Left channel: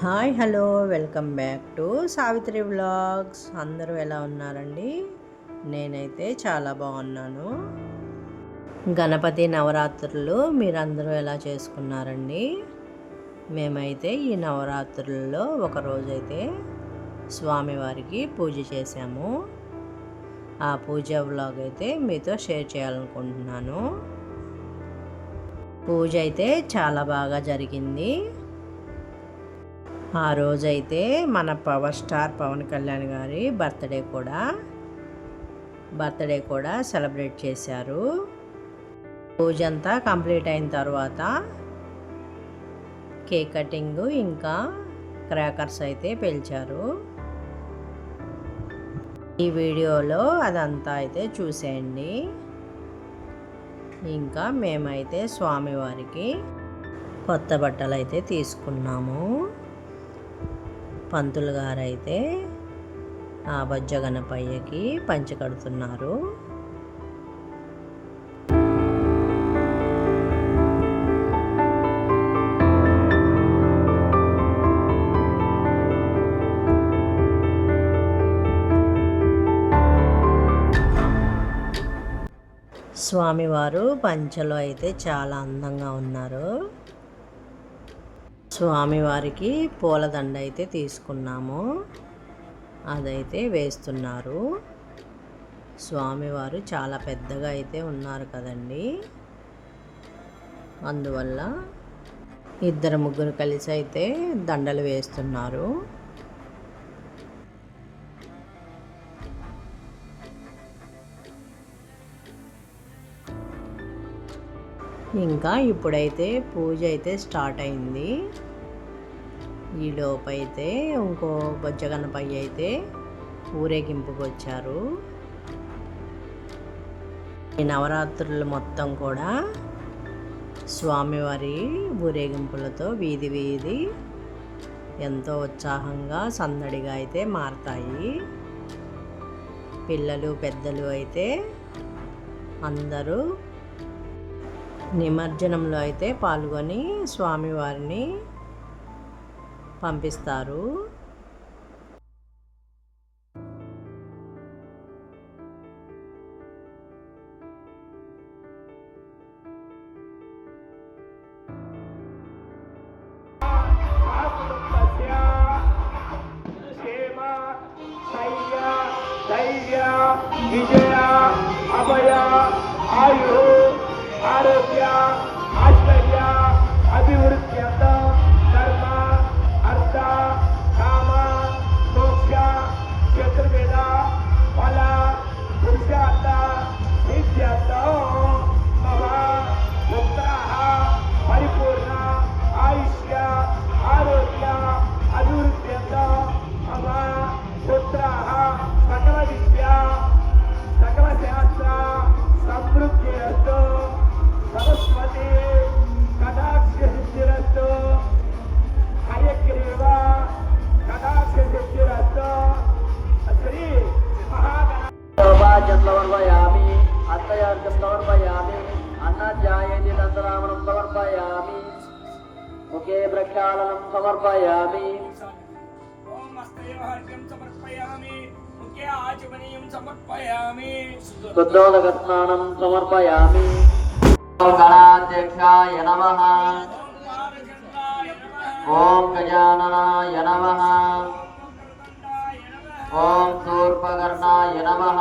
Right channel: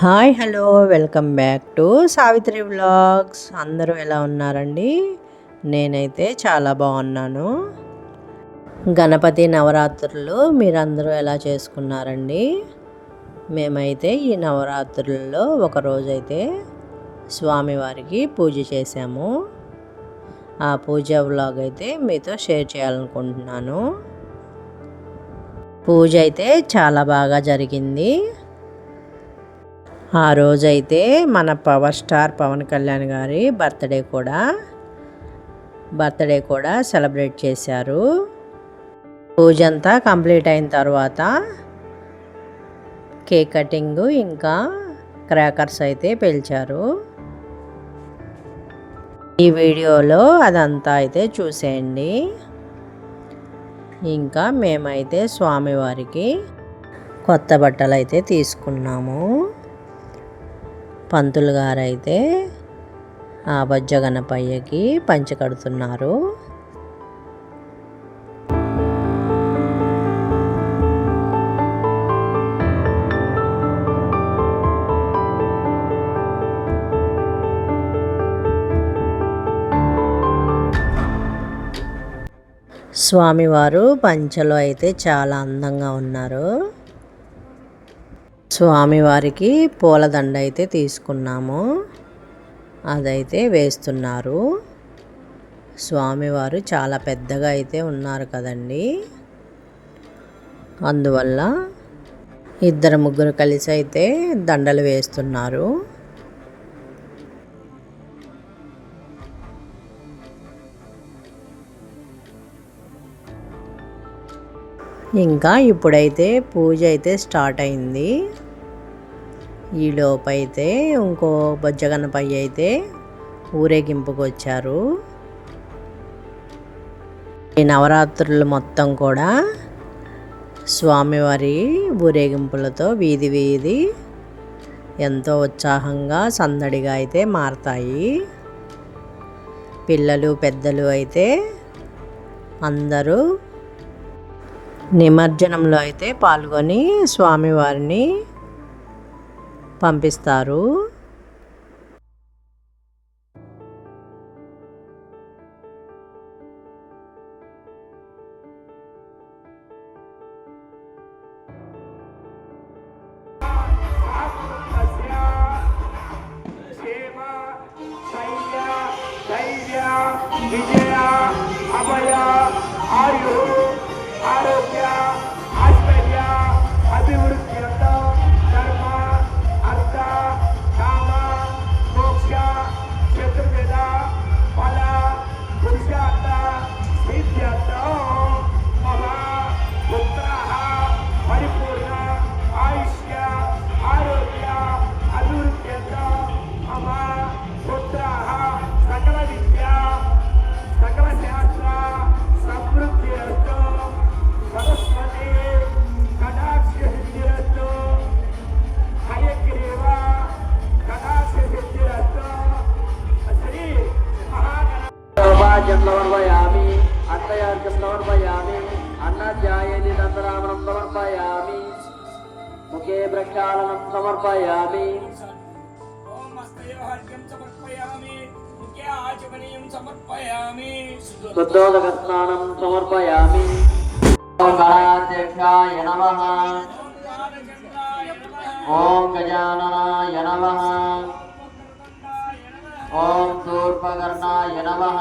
Hi hello welcome back to Savitri vlogs. అందరూ ఎలా ఉన్నారండి? నేనైతే చాలా బాగున్నాను. గణపతి నవరాత్రులు మీరందరూ ఎలా చేసుకున్నారండి? మేమైతే ఈ నవరాత్రుల్లో ఒకరోజైతే స్వామివారికి పూజ చేశాము. ఆ పూజ వ్లాగ్ అయితే మీతో షేర్ చేయాలనుకుంటున్నాను. పూజ అయితే చాలా బాగా జరిగింది. ఆ రోజైతే మన పవర్ స్టార్ పవన్ కళ్యాణ్ గారి బర్త్డే కూడా సెలబ్రేట్ చేశారు. పూజ అంతా కంప్లీట్ అయిన తర్వాత కేక్ కటింగ్ ఇంకా క్రాకర్స్ అయితే పేల్చారు. ఈ వీడియోలో అదంతా అయితే చూసేయండి. ఇంకా మేమైతే స్వామివారికి కొత్త బట్టలు అయితే తీసుకున్నాము. పంతులు గారు అయితే ఆ బొజ్జ గణపయ్యకి పంచె కడుతున్నారు. స్వామివారు పంచెలో అయితే చాలా అందంగా ఉన్నారు. స్వామివారికి పూలదండ అయితే తీసుకున్నాము. అదైతే వేస్తున్నారు. స్వామివారు చాలా పెద్దగా అయితే ఉన్నారు కదండి. అందువల్ల ఇద్దరు ముగ్గురు కలిసి అయితే దండలు వేస్తున్నారు. ఇంకా ఇప్పుడైతే పూజ అయితే స్టార్ట్ అయింది. ఈలోపైతే ఇంకో బొజ్జ గణపయ్య అయితే ఊరేగింపుకు వచ్చారు. ఈ నవరాత్రులు మొత్తం కూడా స్వామివారి ఊరేగింపులతో వీధి వీధి ఎంతో ఉత్సాహంగా సందడిగా అయితే మారతాయి. పిల్లలు పెద్దలు అయితే అందరూ నిమజ్జనంలో అయితే పాల్గొని స్వామివారిని పంపిస్తారు. విజయ అభయ ఆయు ఆరోగ్య ఐశ్వర్య అభివృద్ధి కర్మ అర్థ కామ మోక్ష చతుర్వేద ఫల పురుషార్థ సిద్ధ్యర్థ మమ పుత్ర పరిపూర్ణ ఆయుష్య ఆరోగ్య అభివృద్ధి మమ పుత్ర సకల విద్య సకల శాస్త్ర సమృద్ధి సరస్వతి కటాక్ష సిద్ధిరస్తు హయగ్రీవ కటాక్ష సిద్ధిరస్తు శ్రీ మహాగణాధిపత్యం సమర్పయామి అత్తయార్థం సమర్పయామి అన్నాధ్యాయేని నందనామనం సమర్పయామి ముఖే ప్రక్షాళనం సమర్పయామి ఓం హస్తయోహర్ఘ్యం సమర్పయామి ముఖ్య ఆచమనీయం సమర్పయామి శుద్ధోదకస్నానం సమర్పయామి ఓం గణాధ్యక్షాయ నమః ఓం గజాననాయ నమః ఓం శూర్పకర్ణాయ నమః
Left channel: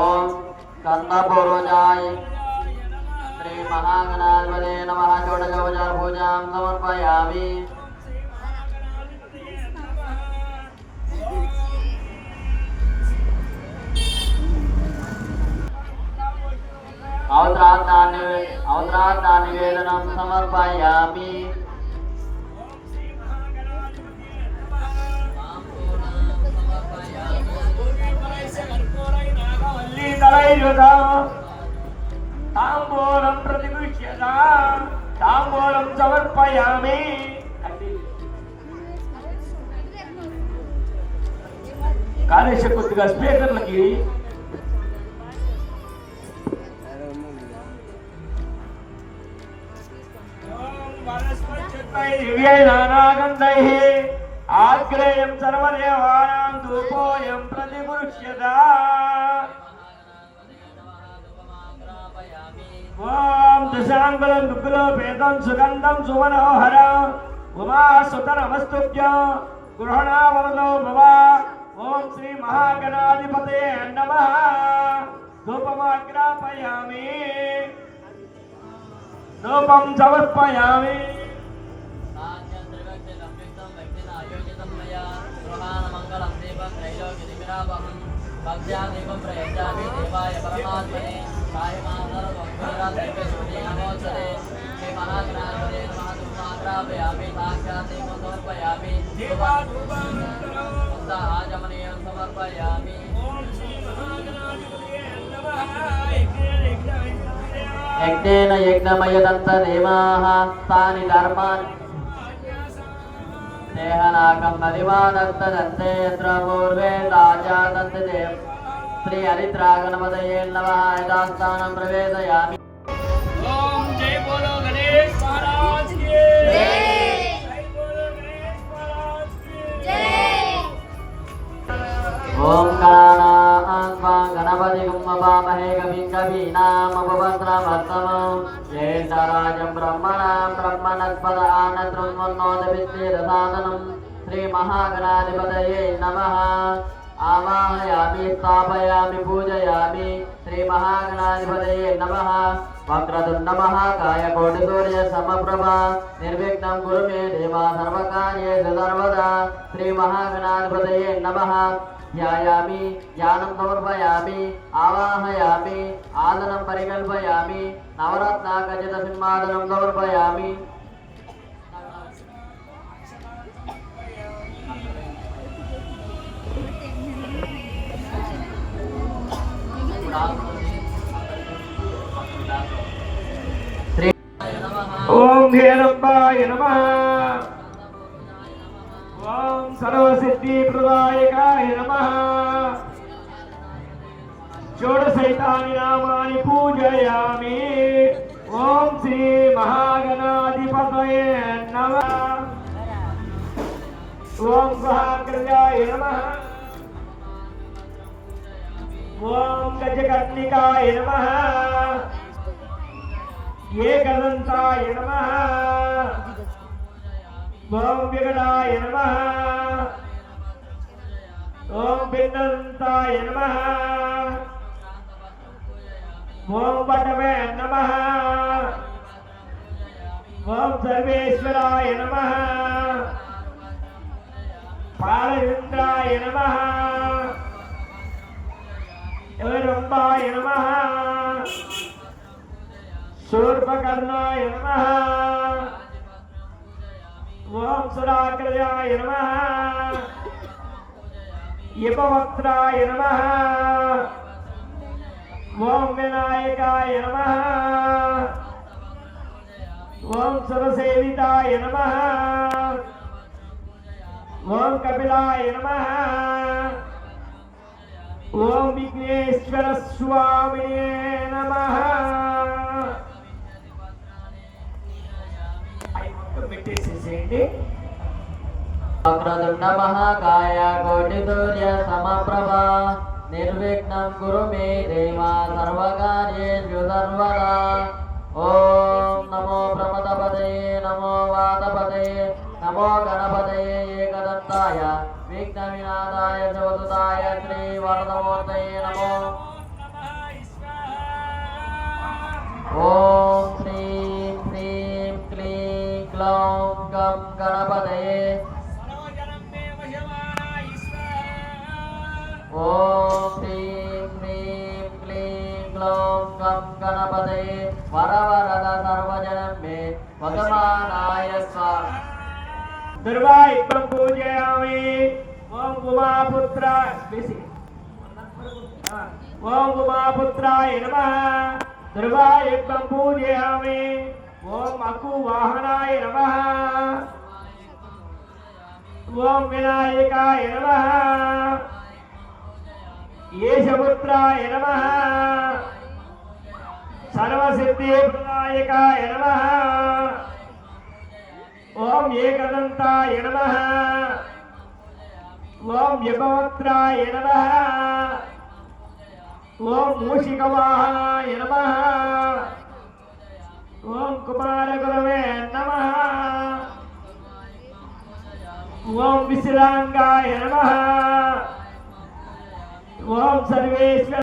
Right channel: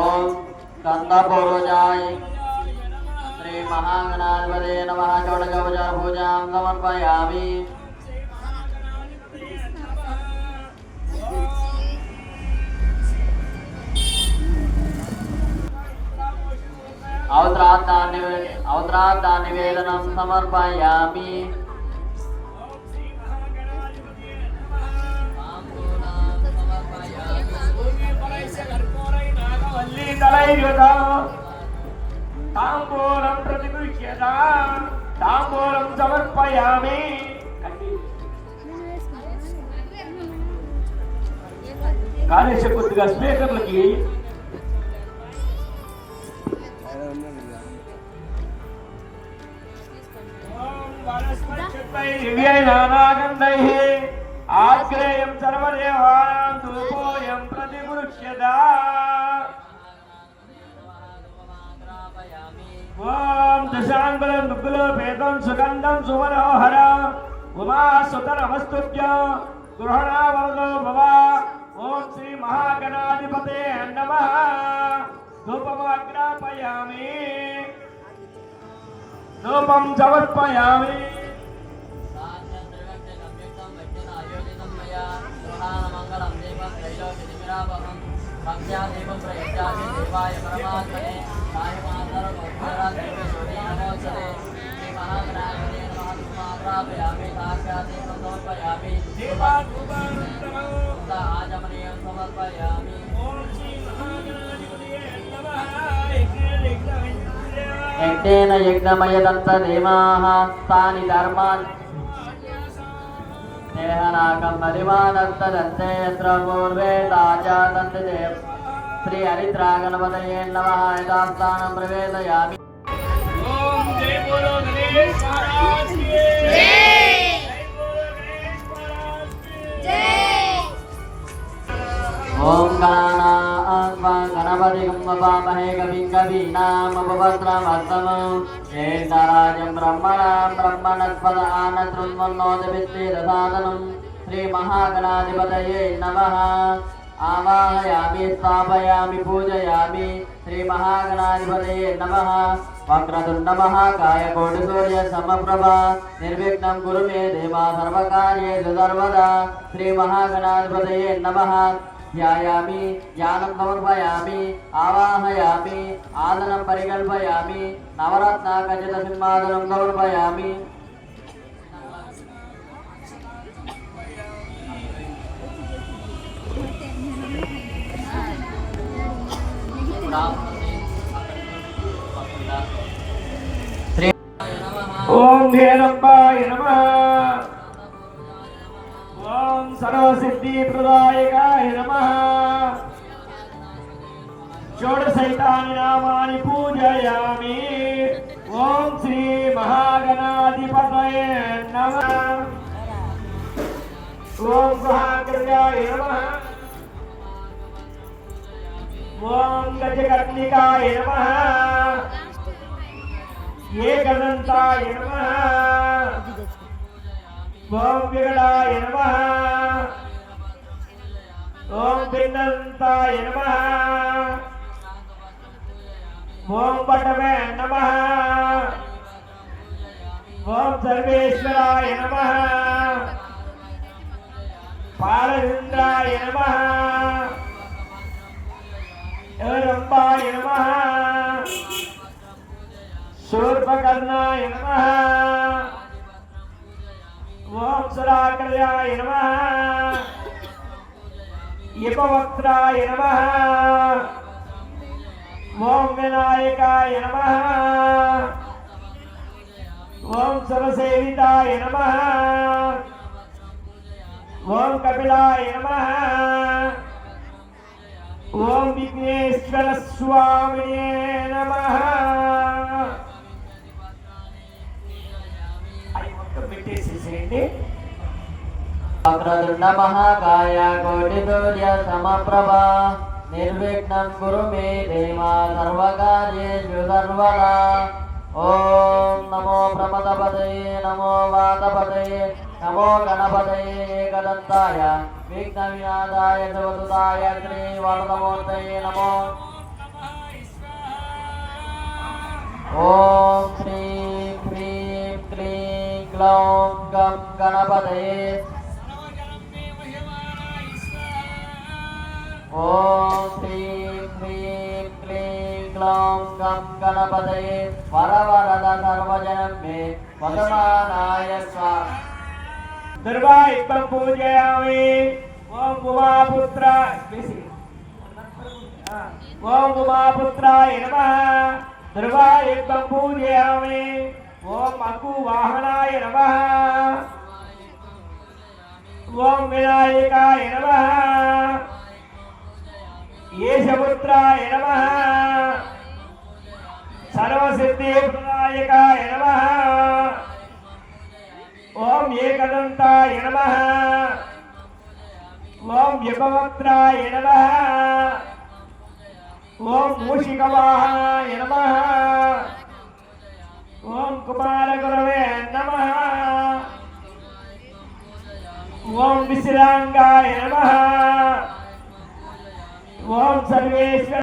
ఓం స్కందపూర్వజాయ శ్రీ మహాగణాధిపతే నమః షోడశోపచార పూజాం సమర్పయామి అవసరార్థానివేదనం సమర్పయామి తాంబూలం ప్రతిగృహ్యత తాంబూలం సమర్పయామి. కానీ కొద్దిగా స్పీకర్లకి వనస్పతి दिव्यैनानागन्धैः आग्रेयं सर्वदेवानां धूपोऽयं प्रतिगृह्यता ॐ दशाङ्गुलं दुग्गुलोपेतं सुगन्धं सुमनोहरम् उमासुतनमस्तुभ्यं गृहणावरदो भव ॐ श्री महागणाधिपतये नमः धूपमाग्रापयामि धूपं समर्पयामि भक्त्यादीपं प्रयच्छामि देवाय परमात्मने नमोस्तरे श्रीमहागणाधिपतये नमः धूपमाग्रापयामि साक्षादीपं समर्पयामि आचमनीयं समर्पयामि ॐ श्री महागणाधिपतये नमः यज्ञेन यज्ञमयदन्तदेवाः तानि धर्मान् देहनाकं नदिवादन्तदन्ते यत्र पूर्वे ताजादन्ते श्री हरिद्रागणपतये नमः यथास्थानं प्रवेशयामि ॐ जय बोलो गणेश महाराज की जय जय बोलो गणेश महाराज की ॐ गणानां गणपतिं ववामहे कविं कवीनामुपवस्त्रमस्तमं ज्येष्ठराजं ब्रह्मणां ब्रह्मणस्पद आनशृण्वन्नोदविद्येदसादनं श्रीमहागणाधिपतये नमः आवाहयामि स्थापयामि पूजयामि श्रीमहागणाधिपतये नमः वक्रतुण्डमहाकाय कोटिसूर्यसमप्रभा निर्विघ्नं कुरु मे देवा सर्वकार्येषु सर्वदा श्रीमहागणाधिपतये नमः ध्यायामि ज्ञानं समर्पयामि आवाहयामि आदनं परिकल्पयामि नवरत्नाखचितसिंहासनं समर्पयामि ॐ हेरम्बाय नमः ॐ सर्वसिद्धिप्रदायकाय नमः षोडशैतानि नामानि पूजयामि ॐ श्री महागणाधिपतये नमः ॐ सहाकर्याय नमः ॐ गजकर्णिकाय नमः एकदन्ताय नमः ॐ विकटाय नमः ॐ पिण्डन्ताय नमः ॐ पटवे नमः ॐ सर्वेश्वराय नमः पालरुद्राय नमः रम्बाय नमः शूर्पकर्णाय नमः ॐ सुराकर्याय नमः यपवक्त्राय नमः ॐ विनायकाय नमः ॐ सुरसेविताय नमः ॐ कपिलाय नमः ॐ विघ्नेश्वर स्वामिने नमः वक्रतुण्ड महाकाय कोटिसूर्य समप्रभा निर्विघ्नं कुरु मे देवा सर्वकार्येषु सर्वदा ॐ नमो प्रमदपतये नमो वातपतये नमो गणपतये एकदन्ताय विघ्नविनाशाय शिवसुताय श्रीवरदमूर्तये नमो ॐ श्रीं ह्रीं क्लीं ग्लौं गं गणपतये ॐ श्रीं ह्रीं क्लीं ग्लौं गं गणपतये वरवरद सर्वजनं मे वदमानाय स्वाहा दुर्वायुक्तं पूजयामि ॐ उमापुत्राय नमः दुर्वायुक्तं पूजयामि ॐ अकुवाहनाय नमः ॐ विनायकाय नमः येशपुत्राय नमः सर्वसिद्धिप्रदायकाय नमः ఓం ఏకదంతాయ నమః ఓం యమవక్త్రాయ నమః ఓం మూషికవాహనాయ నమః ఓం కుమారగురవే నమః ఓం విశ్రాంగాయ నమః ఓం సర్వేశ్వర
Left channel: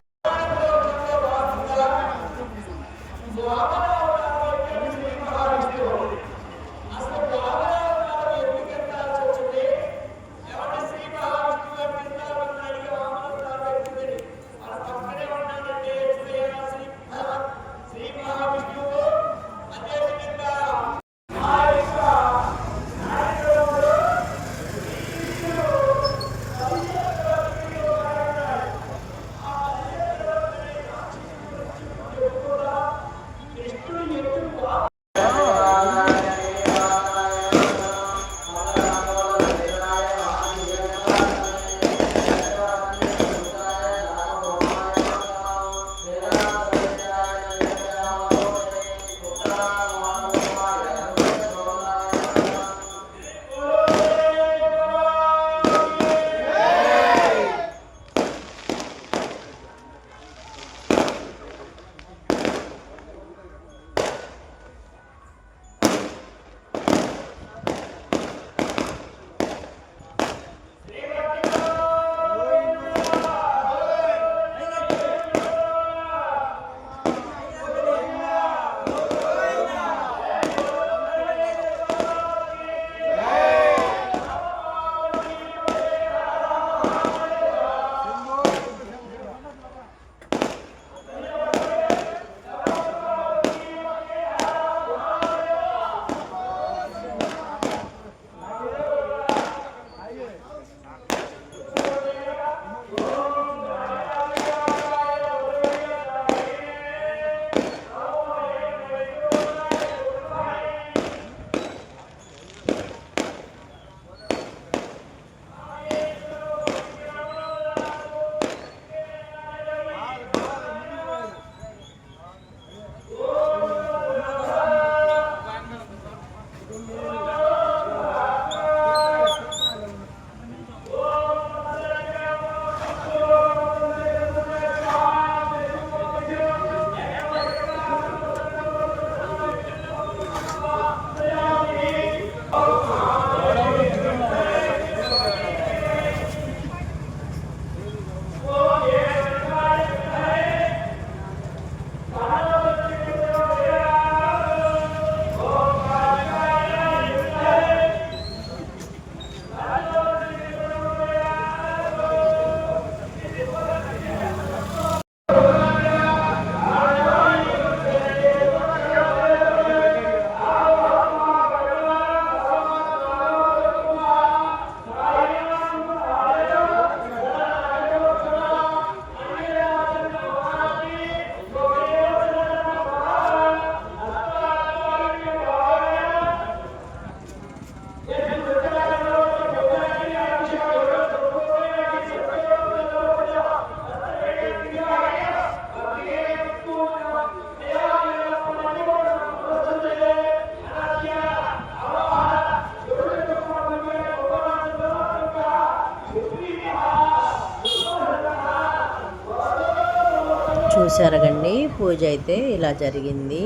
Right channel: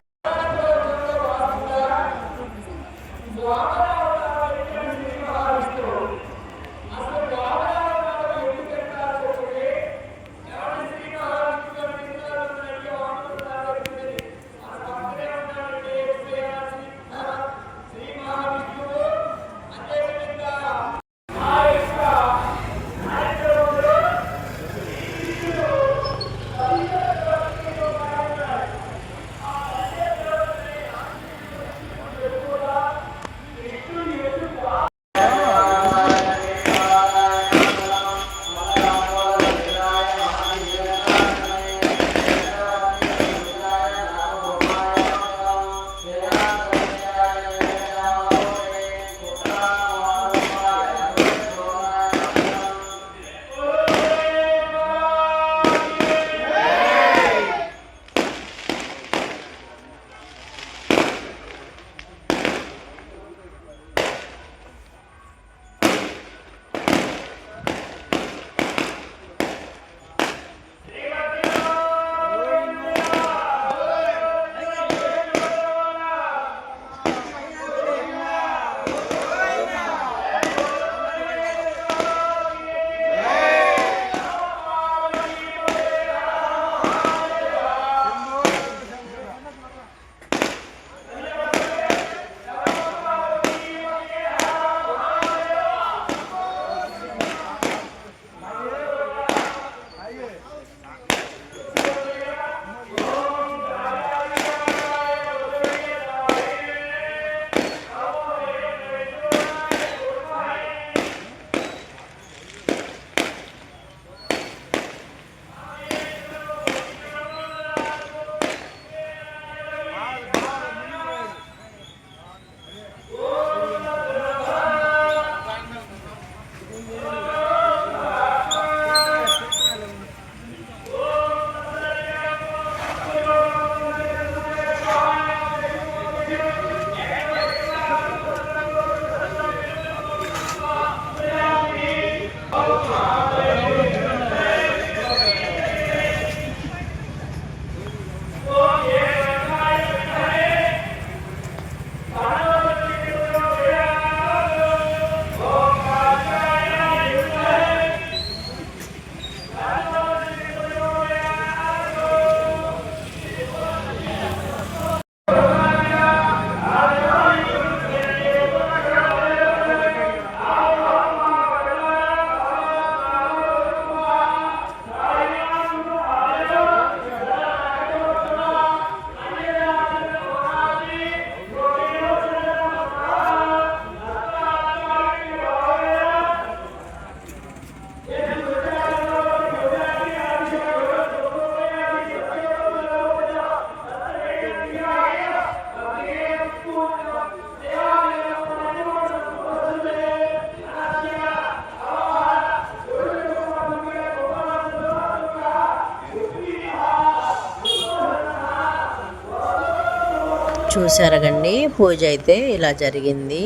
చూసారగండి, పూజ అయితే ఇలా జరిగింది.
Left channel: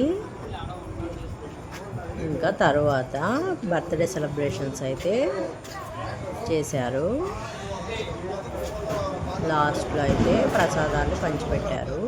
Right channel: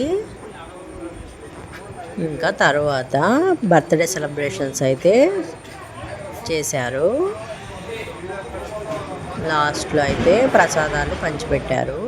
ఇంకా తర్వాత బర్త్డే సెలబ్రేషన్స్ అయితే చేశారు. లాస్ట్లో అయితే ప్రసాదాలు పంచిపెట్టారు.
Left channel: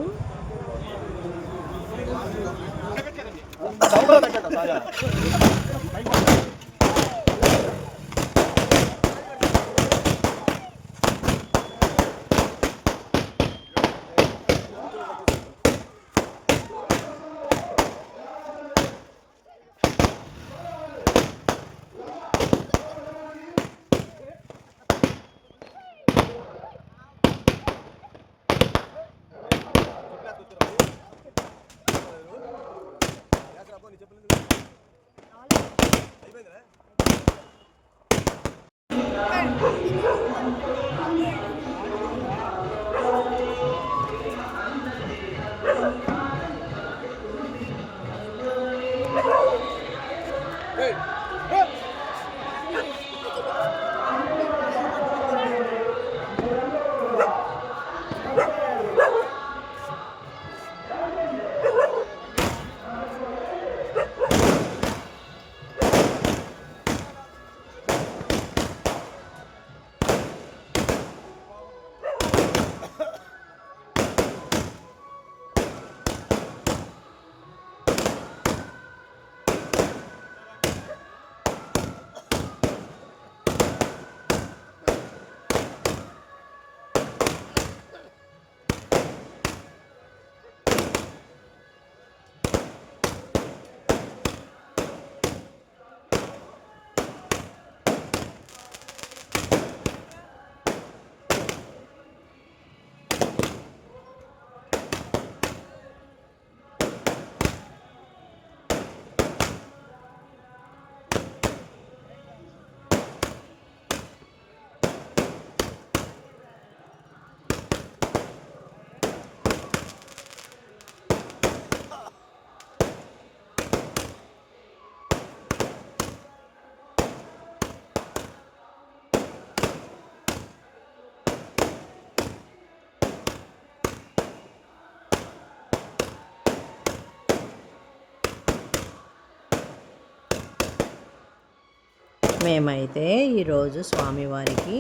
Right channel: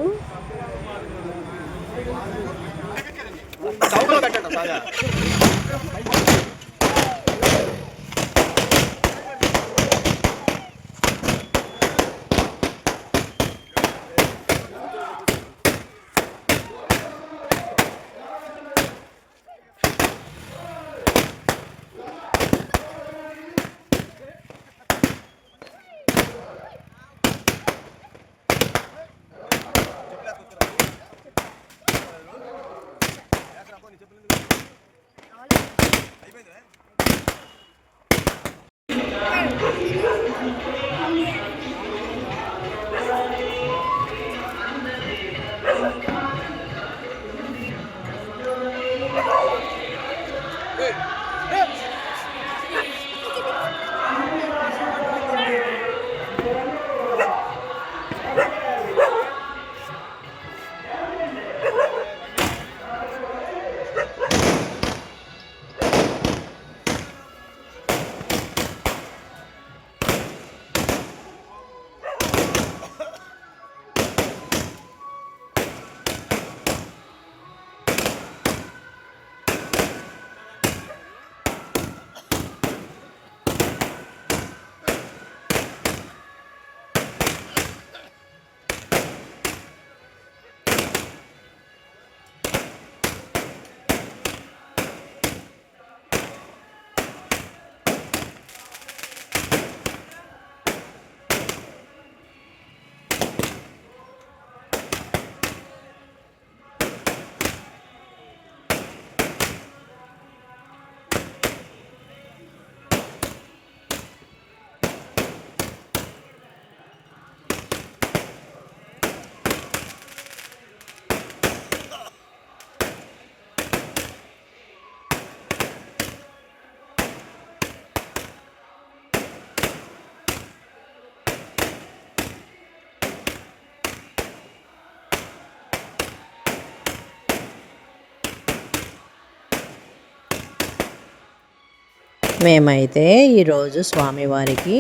మేమైతే ఈరోజు స్వామివారికి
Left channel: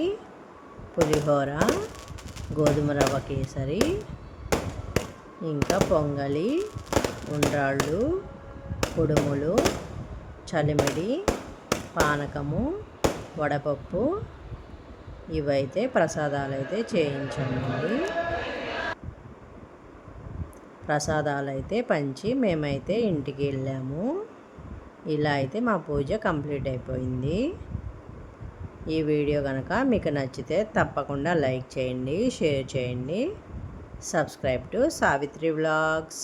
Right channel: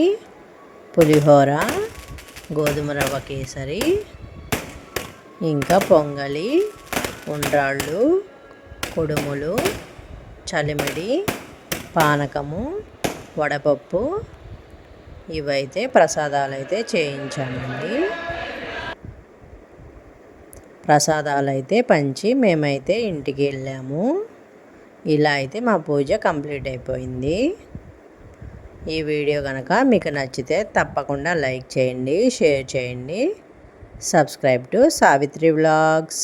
పులిహోర, గోధుమ రవ్వ కేసరి, ఇంకా పొంగలి, ఉండ్రాళ్ళు, కుడుములు, చలిమిడి, పానకము, వడపప్పు ఇవైతే ప్రసాదాలు అయితే చేయించామండి. ప్రసాదాలు అయితే పంచి మేమైతే ఇంటికి వెళ్ళాము. ఇలా అయితే మా పూజ కంప్లీట్ అయిపోయింది. ఈ వీడియో కనుక మీకు నచ్చితే తప్పకుండా లైక్ చేయండి, షేర్ చేయండి. Subscribe to Savitri vlogs.